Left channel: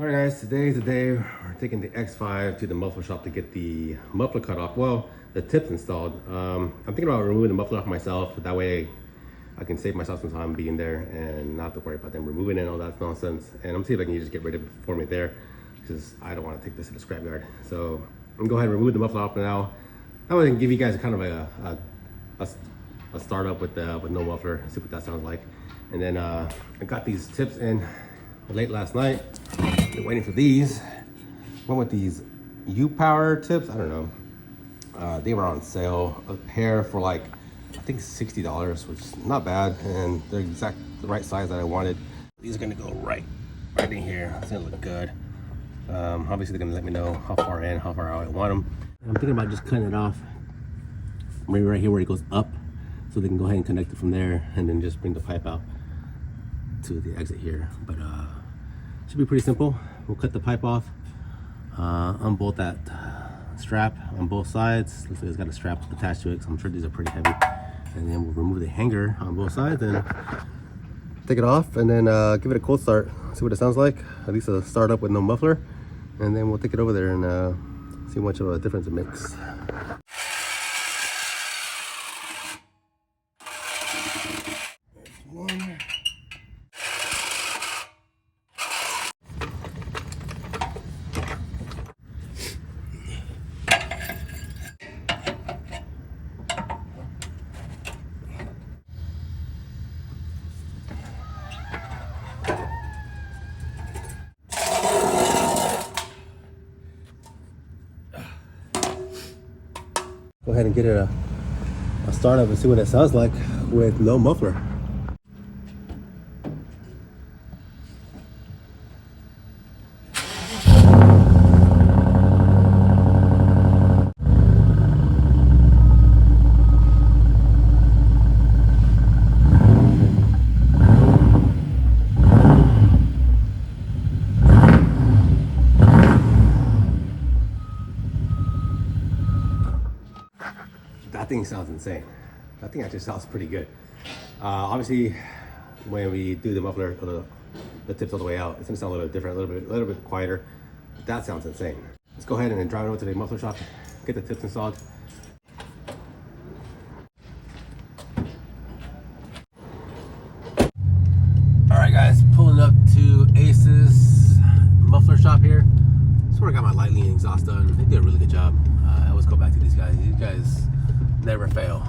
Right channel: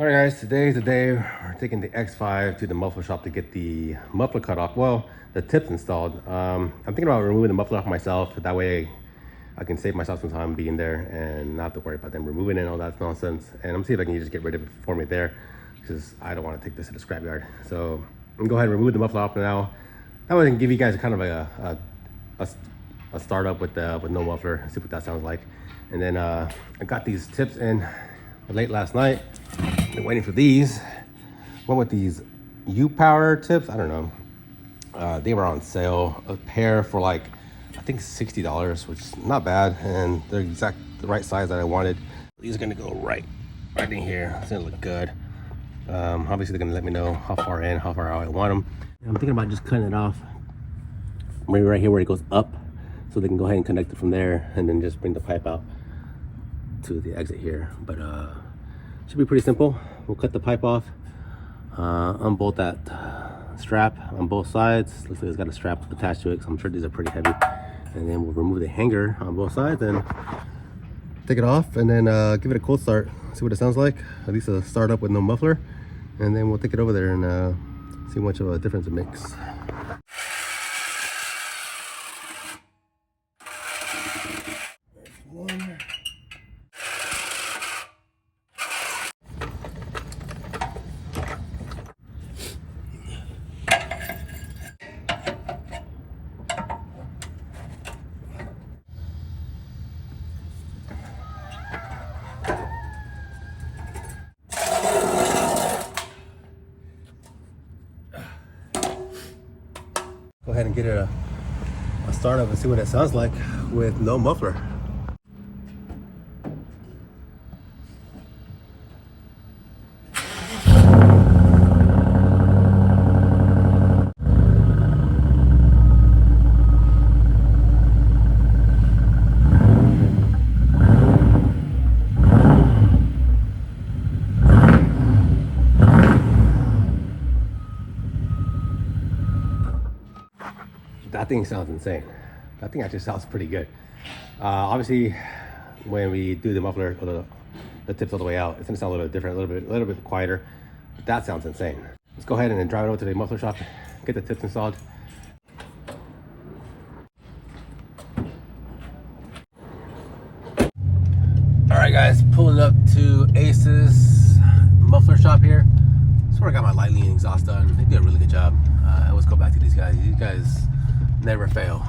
Alright guys, today's the day we're taking the X5 to the muffler shop to get the muffler cut off. Well, the tips installed. I'm thinking about removing the muffler off myself. That way I can save myself some time being there and not have to worry about them removing it and all that nonsense. And I'm seeing if I can just get rid of it for me there, because I don't want to take this to the scrapyard. So I'm gonna go ahead and remove the muffler off now. That way I can give you guys kind of like a startup with no muffler, see what that sounds like. And then I got these tips in late last night. Been waiting for these. Went with these U-Power tips. I don't know. They were on sale. A pair for like, I think $60, which is not bad. And they're the right size that I wanted. These are gonna go right in here. It's gonna look good. Obviously they're gonna let me know how far in, how far out I want them. I'm thinking about just cutting it off maybe right here where it goes up, so they can go ahead and connect it from there and then just bring the pipe out to the exit here. But should be pretty simple. We'll cut the pipe off, unbolt that strap on both sides. Looks like it's got a strap attached to it, so I'm sure these are pretty heavy. And then we'll remove the hanger on both sides and take it off, and then give it a cold start, see what it sounds like. At least a start up with no muffler, and then we'll take it over there and see how much of a difference it makes. One. Go ahead and get it a startup and see what it sounds like with no muffler. That thing sounds insane. That thing actually sounds pretty good. Obviously, when we do the muffler, the tips all the way out, it's gonna sound a little bit different, a little bit quieter. That sounds insane. Let's go ahead and then drive it over to the muffler shop, get the tips installed. All right, guys, pulling up to Ace's muffler shop here. That's where I got my lightning exhaust done. They did a really good job. I always go back to these guys. These guys never fail.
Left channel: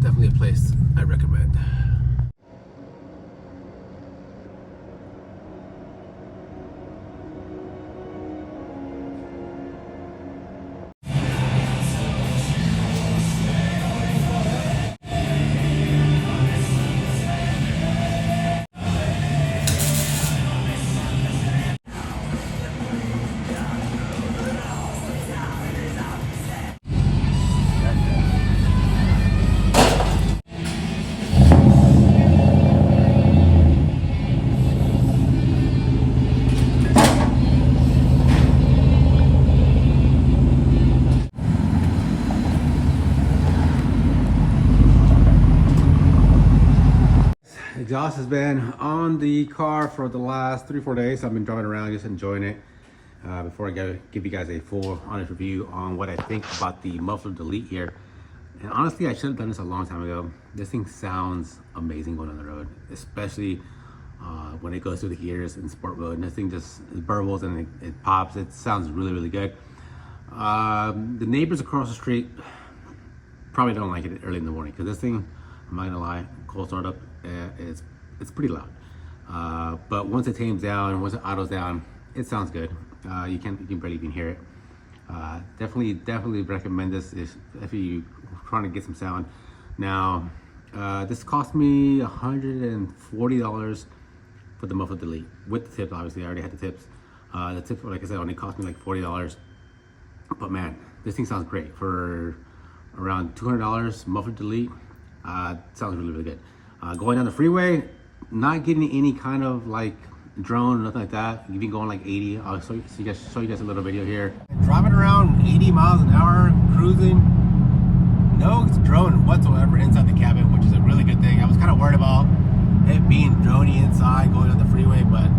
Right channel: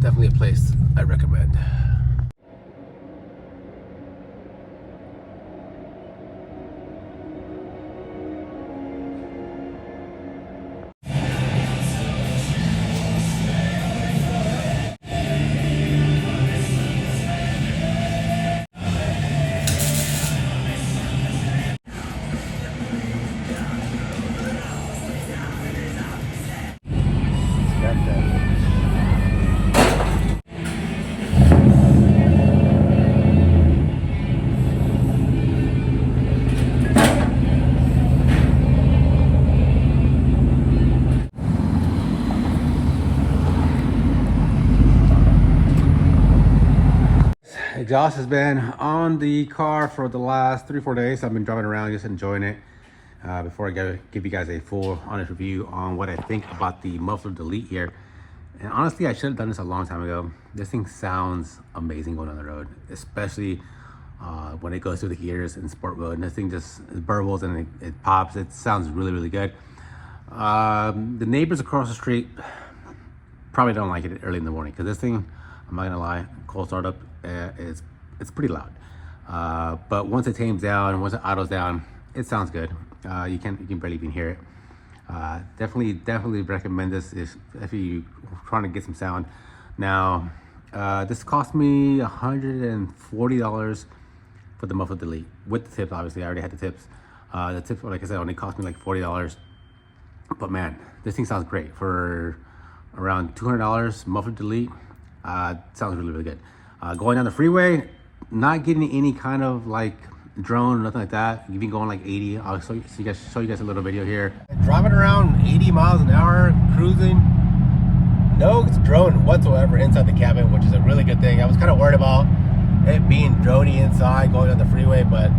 Definitely a place I recommend. Exhaust has been on the car for the last 3-4 days. I've been driving around just enjoying it. Before I give you guys a full honest review on what I think about the muffler delete here. And honestly, I should have done this a long time ago. This thing sounds amazing going on the road, especially when it goes through the ears in sport mode. And this thing just burbles and it pops. It sounds really, really good. The neighbors across the street probably don't like it early in the morning, because this thing, I'm not gonna lie, cold startup, it's pretty loud. But once it tames down, once it idles down, it sounds good. You can barely even hear it. Definitely recommend this if you're trying to get some sound. Now, this cost me $140 for the muffler delete with the tip. Obviously, I already had the tips. The tips, like I said, only cost me like $40. But man, this thing sounds great for around $200 muffler delete. Sounds really, really good. Going down the freeway, not getting any kind of like drone or nothing like that. You've been going like 80. I'll show you guys a little video here. Driving around 80 miles an hour, cruising. No drone whatsoever inside the cabin, which is a really good thing. I was kind of worried about it being droney inside going on the freeway, but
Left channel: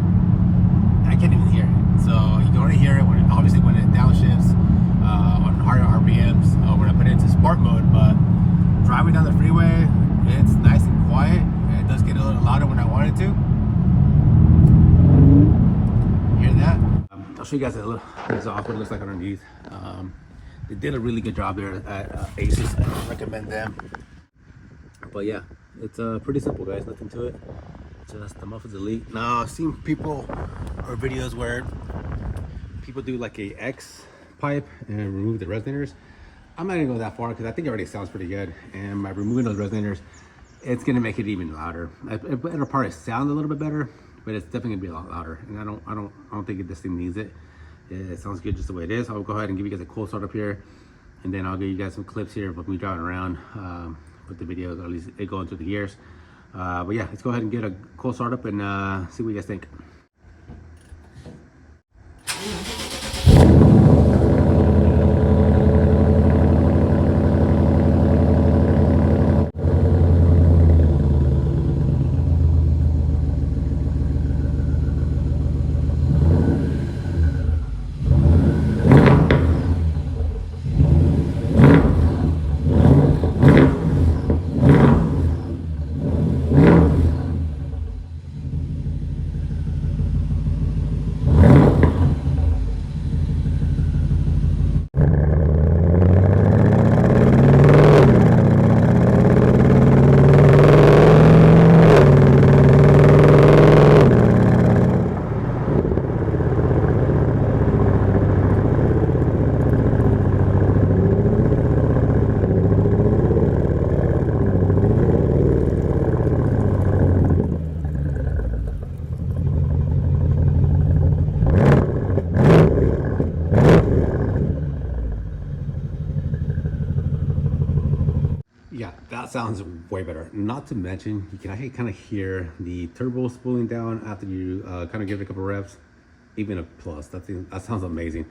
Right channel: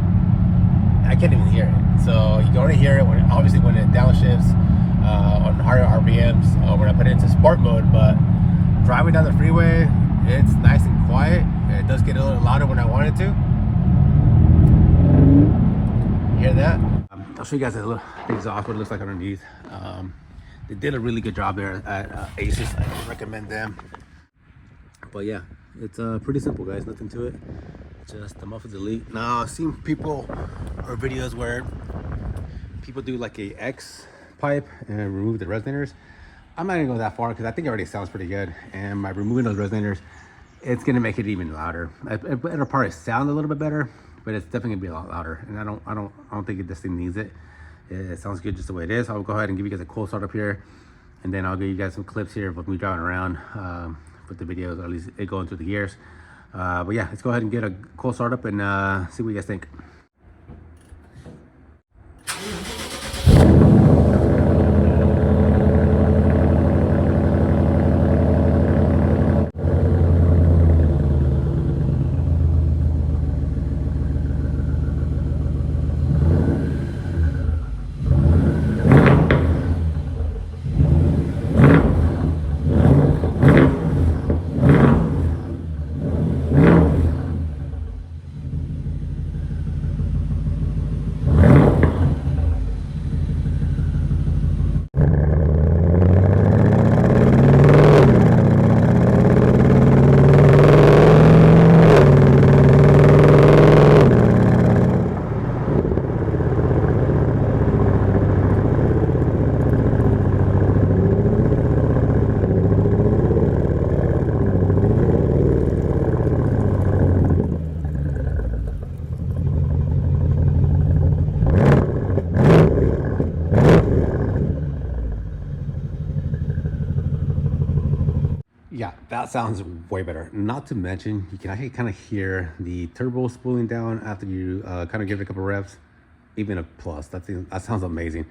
show you guys a little exhaust, what it looks like underneath. They did a really good job there at Asus. I recommend them. But yeah, it's pretty simple, guys. Nothing to it. Just the muffler's elite. Now I've seen people or videos where people do like a X pipe and remove the resonators. I'm not gonna go that far because I think it already sounds pretty good. And by removing those resonators, it's gonna make it even louder. It'll probably sound a little bit better, but it's definitely gonna be a lot louder. And I don't think this thing needs it. It sounds good just the way it is. I'll go ahead and give you guys a cold start up here, and then I'll give you guys some clips here of me driving around with the videos, or at least it going through the gears. But yeah, let's go ahead and get a cold start up and see what you guys think. Yeah, that sounds way better. Not to mention, you can actually kind of hear the turbo spooling down after you kind of give it a couple reps. Even a plus. That sounds amazing.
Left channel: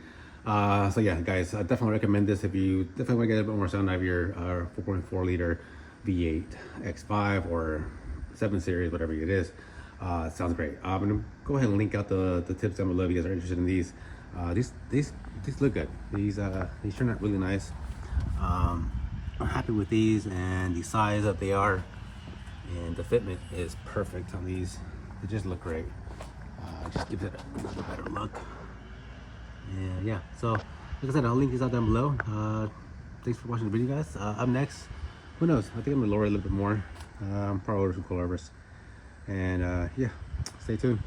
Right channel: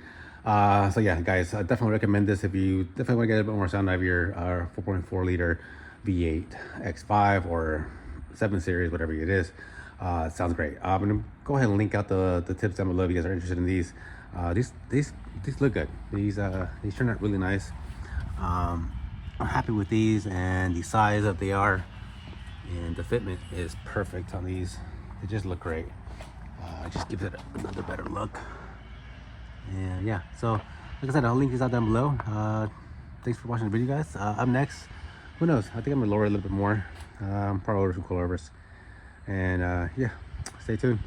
So yeah, guys, I definitely recommend this if you definitely want to get a bit more sound out of your 4.4 liter V8 X5 or 7 series, whatever it is. It sounds great. I'm gonna go ahead and link out the tips down below if you guys are interested in these. These look good. These turn out really nice. I'm happy with these and the size that they are, and the fitment is perfect on these. They just look great. It just gives it a little better look. And yeah, so like I said, I'll link these out down below. Thanks for watching the video, guys. Up next, who knows? I think I'm gonna lower it a little bit more. Probably order some coilovers. And yeah, stay tuned.